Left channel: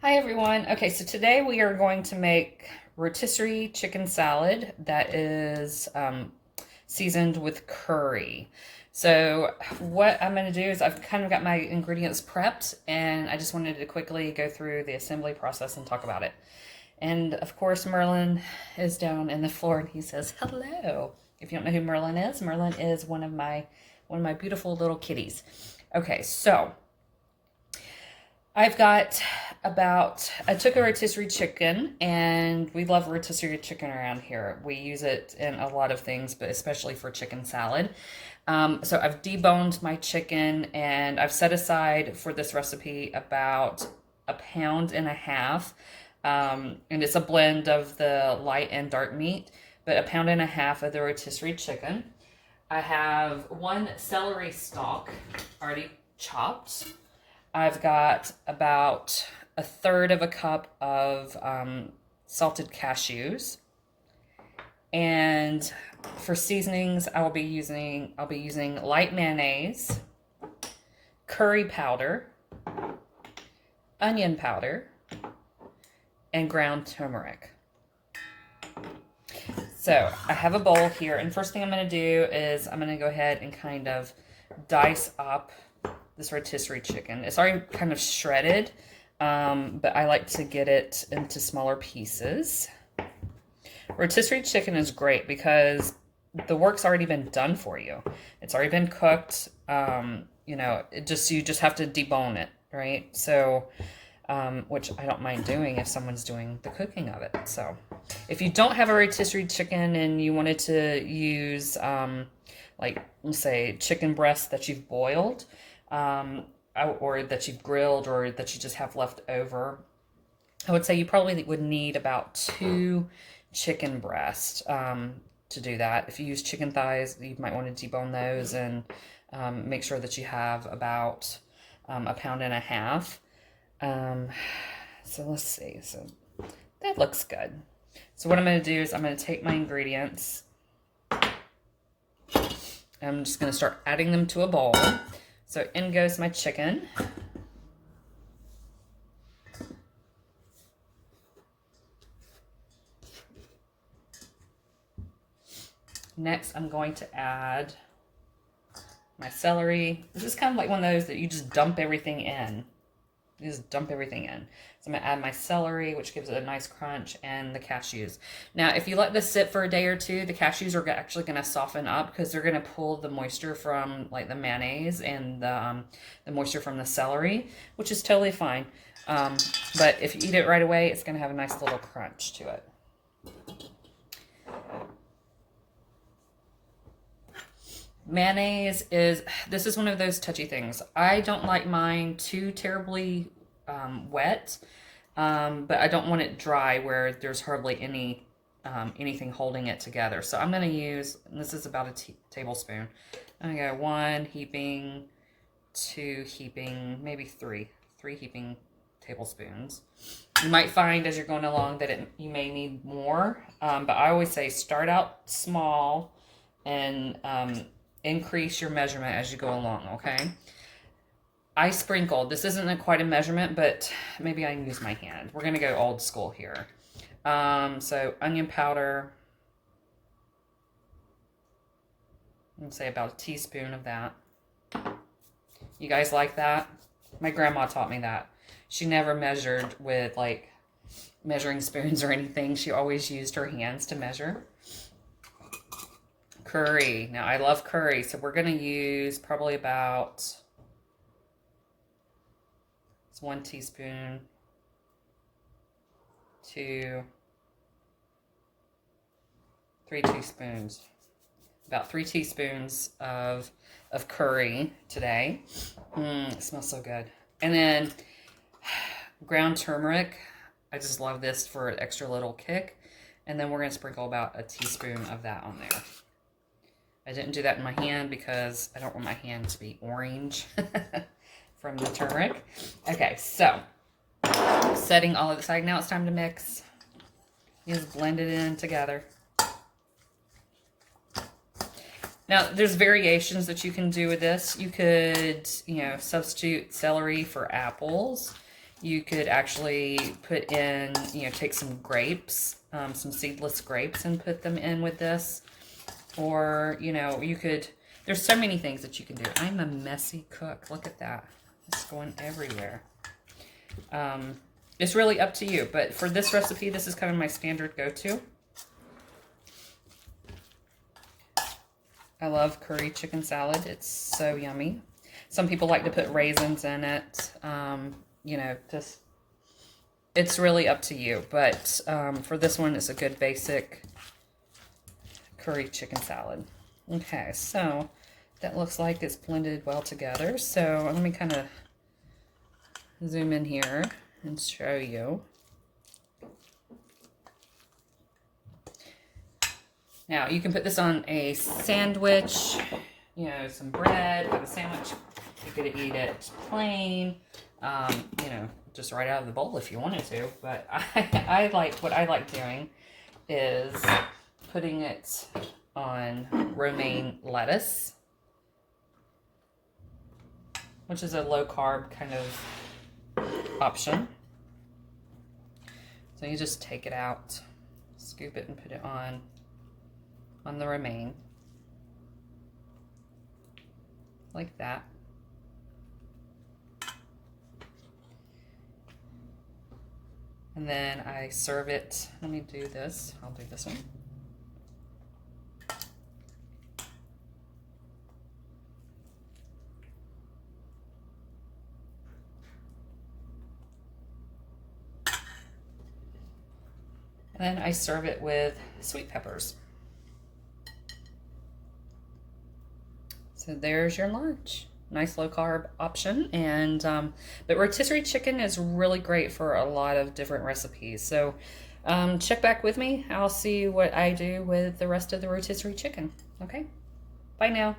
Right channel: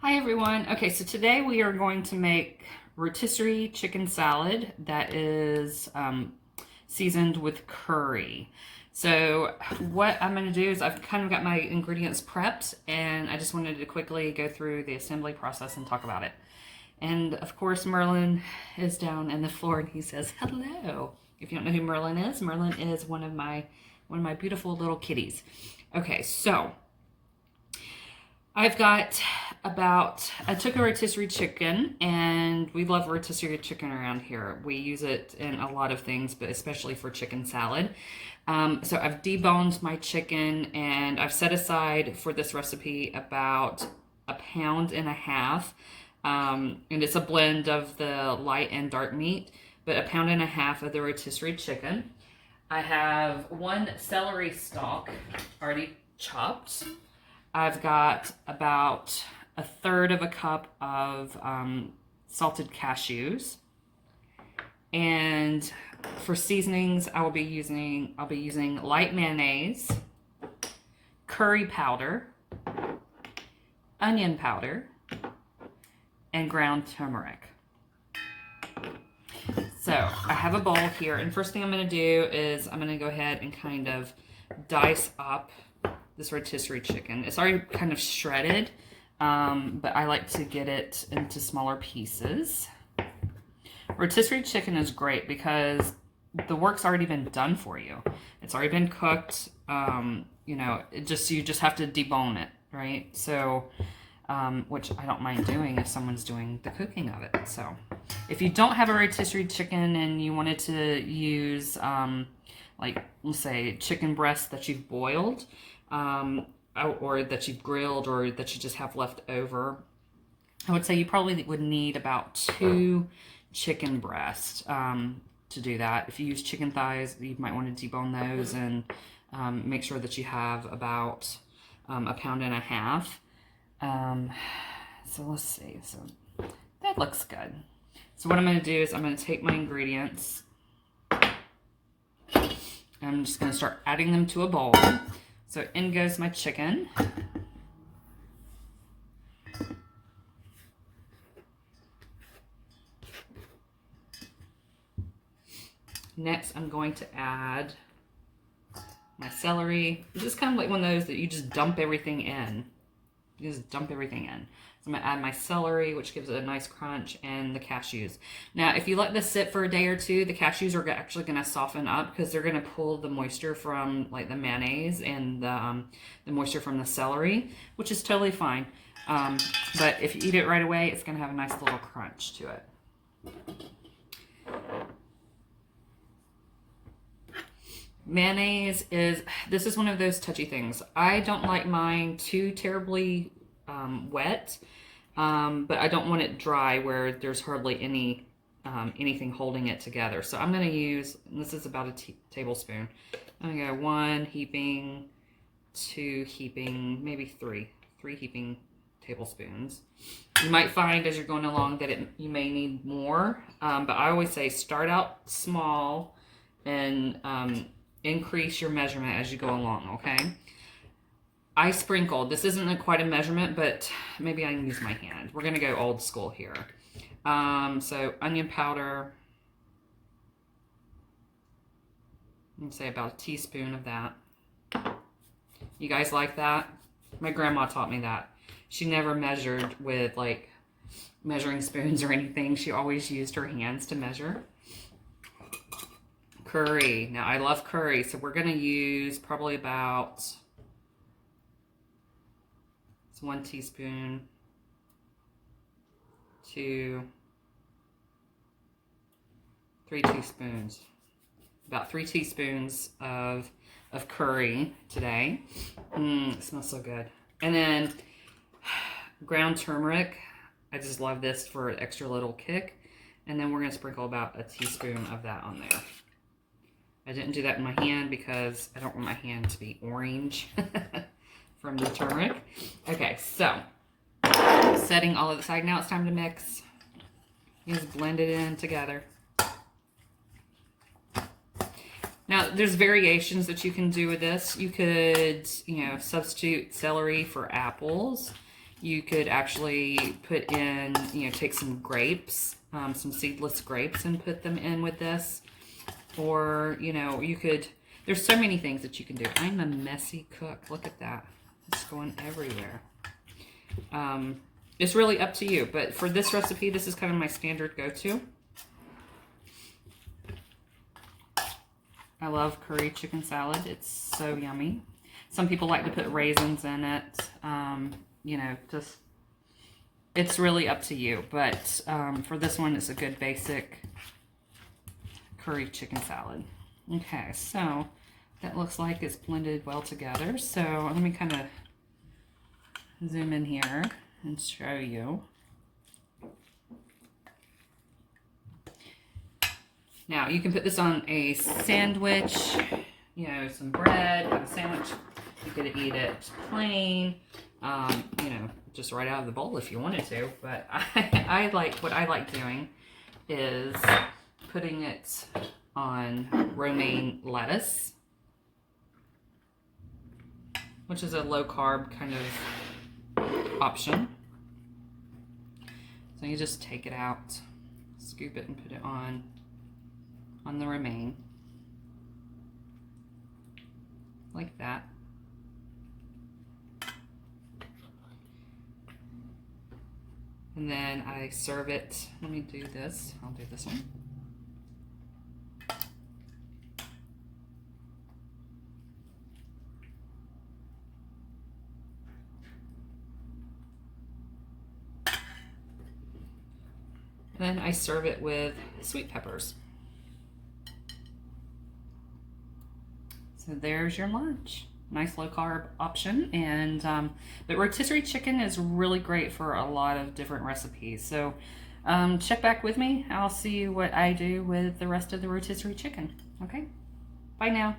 Hi everyone. Okay, so today we are going to make rotisserie chicken salad that is seasoned with curry. So what I'm going to do is I've kind of got my ingredients prepped and I just wanted to quickly go through the assembly process and talk about it. And of course Merlin is down in the floor and he says hello. If you don't know who Merlin is one of my beautiful little kitties. Okay, so I've got I took a rotisserie chicken, and we love rotisserie chicken around here. We use it in a lot of things, but especially for chicken salad. So I've deboned my chicken, and I've set aside for this recipe about 1.5 pounds. And it's a blend of the light and dark meat, but 1.5 pounds of the rotisserie chicken. I have 1 celery stalk already chopped. I've got about 1/3 cup of salted cashews, and for seasonings, I'll be using light mayonnaise, curry powder, onion powder, and ground turmeric. So I have a bowl here, and first thing I'm going to do is I'm going to go ahead and kind of dice up this rotisserie chicken. It's already kind of shredded, but I like to get it into smaller pieces. Rotisserie chicken is great because the work's already been done for you. It's already been cooked. You know, you just have to debone it, right? So, which I don't mind doing if someone's doing the cooking of it. So, if you don't have a rotisserie chicken and you wanted to use, like, let's say, chicken breast that you've boiled, or that you've grilled, or that you just have left over, I would say you probably would need about 2 chicken breasts to do that. If you use chicken thighs, you might want to debone those and make sure that you have about 1.5 pounds. So let's see. So that looks good. So what I'm going to do is I'm going to take my ingredients. I'm just going to start adding them to a bowl. So in goes my chicken. Next, I'm going to add my celery. This is kind of like one of those that you just dump everything in. You just dump everything in. So I'm going to add my celery, which gives it a nice crunch, and the cashews. Now, if you let this sit for a day or two, the cashews are actually going to soften up because they're going to pull the moisture from like the mayonnaise and the moisture from the celery, which is totally fine. But if you eat it right away, it's going to have a nice little crunch to it. Mayonnaise this is one of those touchy things. I don't like mine too terribly wet, but I don't want it dry where there's hardly anything holding it together. So I'm going to use, and this is about a tablespoon. I'm going to go 1 heaping, 2 heaping, maybe 3 heaping tablespoons. You might find as you're going along that you may need more, but I always say start out small and increase your measurement as you go along, okay? I sprinkled. This isn't quite a measurement, but maybe I can use my hand. We're going to go old school here. So onion powder. I'm going to say about a teaspoon of that. You guys like that? My grandma taught me that. She never measured with like measuring spoons or anything. She always used her hands to measure. Curry. Now, I love curry, so we're going to use probably about 1 teaspoon, 2, 3 teaspoons. About 3 teaspoons of curry today. It smells so good. And then ground turmeric. I just love this for an extra little kick. And then we're going to sprinkle about a teaspoon of that on there. I didn't do that in my hand because I don't want my hand to be orange from the turmeric. Okay, so setting all of it aside. Now it's time to mix. You just blend it in together. Now, there's variations that you can do with this. You could, you know, substitute celery for apples. You could actually put in, you know, take some grapes, some seedless grapes and put them in with this. Or, you know, you could, there's so many things that you can do. I'm a messy cook. Look at that. It's going everywhere. It's really up to you. But for this recipe, this is kind of my standard go-to. I love curry chicken salad. It's so yummy. Some people like to put raisins in it. You know, just, it's really up to you. But for this one, it's a good basic curry chicken salad. Okay, so that looks like it's blended well together. So let me kind of zoom in here and show you. Now, you can put this on a sandwich, you know, some bread, have a sandwich. You could eat it plain, you know, just right out of the bowl if you wanted to. But I like, what I like doing is putting it on romaine lettuce, which is a low carb kind of option. So you just take it out, scoop it and put it on the romaine, like that. And then I serve it. Let me do this. I'll do this one. And then I serve it with sweet peppers. So there's your lunch. Nice low carb option. And but rotisserie chicken is really great for a lot of different recipes. So check back with me. I'll see what I do with the rest of the rotisserie chicken. Okay, bye now.